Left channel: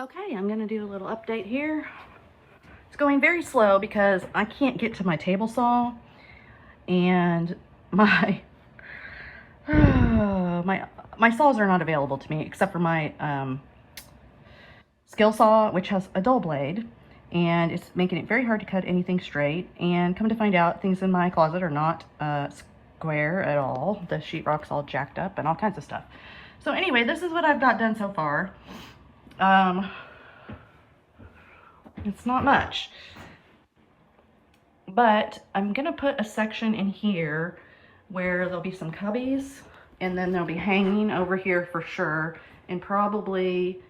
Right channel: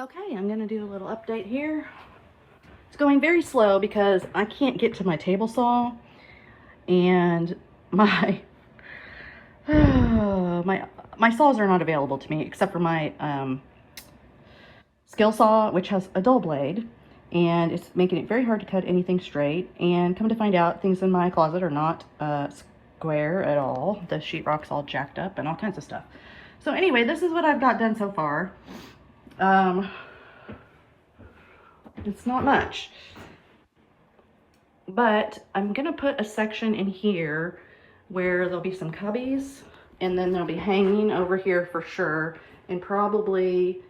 Okay, I'm gonna do a little update here. It's going very slow because I can't get to my table saw, and my my saws are not available to me except for my skill saw, which has a dull blade, and it's making it very hard to cut anything straight. And come to find out, things in my closet are not square at all. The sheetrock's all jacked up and all kinds of stuff. So anyway, this is what I've got done so far. It's not much, but I'm gonna put a section in here where there'll be some cubbies, and then they'll be hanging over here for sure, and probably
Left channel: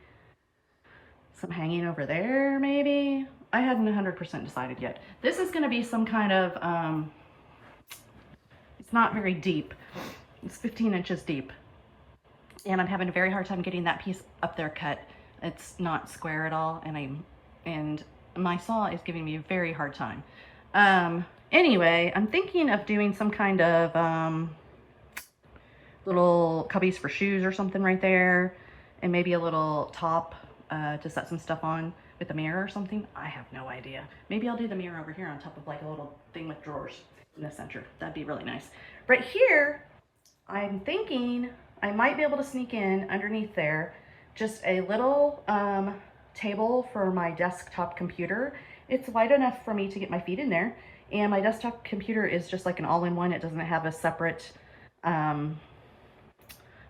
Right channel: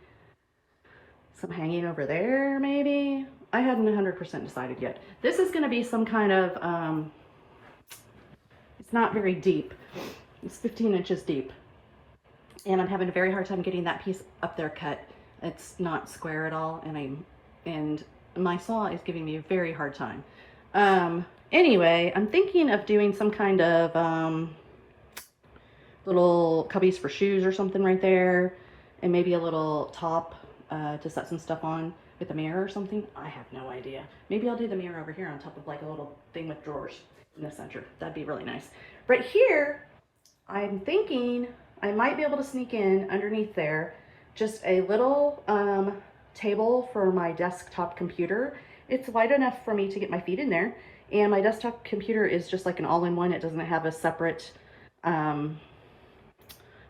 some hanging over there maybe. I hadn't 100% decided yet. This is gonna be some kind of, it's not very deep. It's 15 inches deep. And I'm having a very hard time getting that piece up there cut. It's not square at all, and my saw is giving me a very hard time. Anyway, I'm thinking of doing some kind of little cubbies for shoes or something right there, and maybe a little top to set some stuff on with a mirror or something. I have no idea. Maybe I'll do the mirror over here on top of like a little thing with drawers in the center. That'd be really nice. Right here, I'm thinking I might be able to sneak in underneath there just a little table for my desktop computer. It's wide enough for me to get my feet in there, and my desktop computer is just like an all-in-one. It doesn't have a separate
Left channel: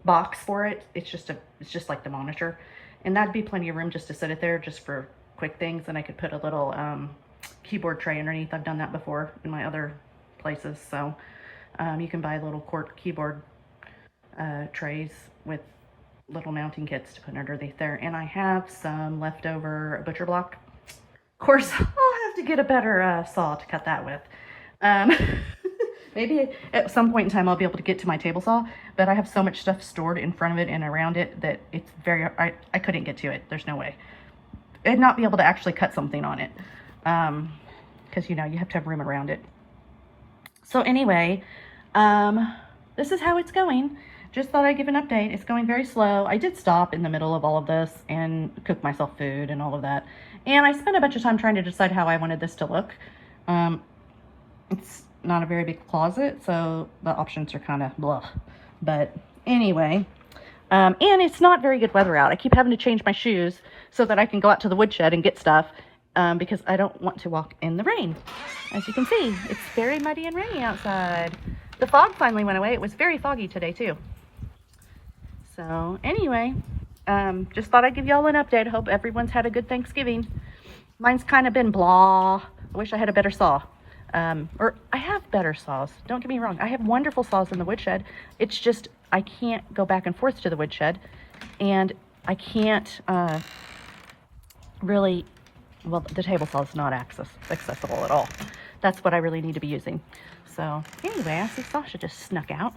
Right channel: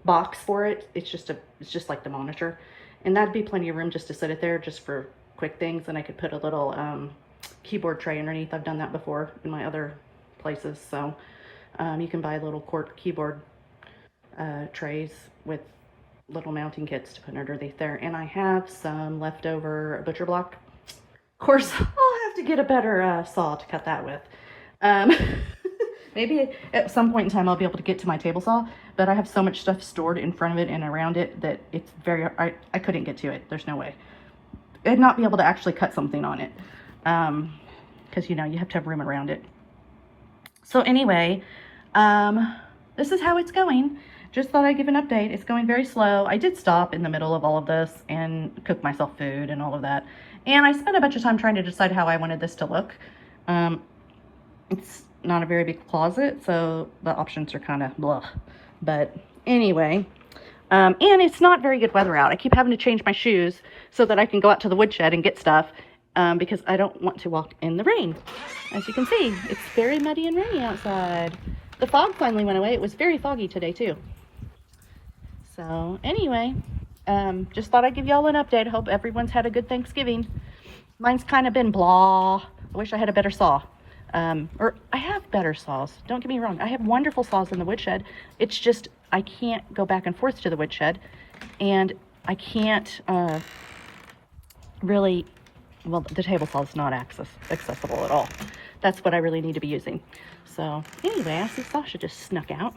box for it. It's just like the monitor, and that'd be plenty of room just to sit it there just for quick things. And I could put a little keyboard tray underneath. I've done that before in my other places. So you can buy little keyboard trays with little mounting kits to put underneath there. And I have some leftover butcher block. Of course, I'll have to get a better saw to cut that with. Maybe at some point in time I'll be able to get to my table saw, but I have so much stuff stored in front of it and around it that it's very, I couldn't get to it. There's no way. I'd not be able to actually cut something on it, because you know, you have to have room around it. So anyway, this is how it's going. Just thought I'd give an update. It's going very slow. I did stop in the middle of all of this and cook myself food and all of that. And I spent a bunch of time trying to decide how I wanted this to look. It's not a very big closet, so the options are kind of blah. But anyway, and it's not very good weather out. I keep having to change my shoes so that I can go out to the woodshed and get stuff, because I don't want to walk in the rain. As you can see, it's very muddy and rainy outside. The fog finally went away. It was very foggy today too. So anyway, just thought I'd give y'all an update. Hope everyone's had a good Thanksgiving. Mine's kind of been blah. I wish I had a better saw. Or I have better saws. Don't get me wrong. I have wonderful saws in the woodshed. It's just I can't go back and forth to the woodshed, and I can't really, well, the table saw is not accessible at all. That's what I really need to be using. So anyway, I see Sasha just snuck out.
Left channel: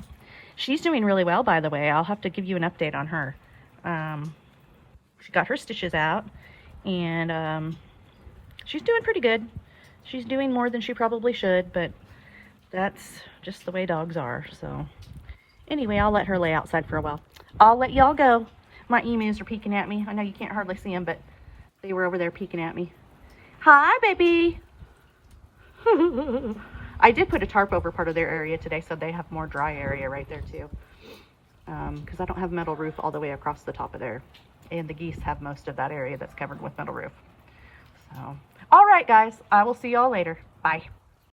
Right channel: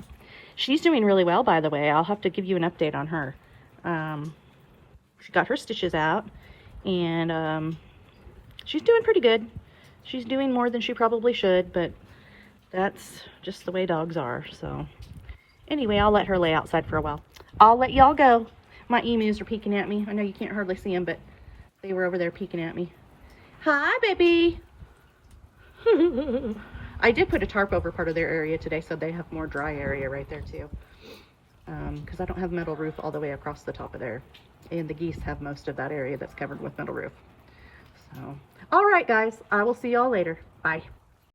She's doing really well, by the way. I'll have to give you an update on her. She got her stitches out, and she's doing pretty good. She's doing more than she probably should, but that's just the way dogs are. So anyway, I'll let her lay outside for a while. I'll let y'all go. My emus are peeking at me. I know you can't hardly see them, but they were over there peeking at me. Hi, baby. I did put a tarp over part of their area today, so they have more dry area right there too. Because I don't have metal roof all the way across the top of there. And the geese have most of that area that's covered with metal roof. So, all right, guys. I will see y'all later. Bye.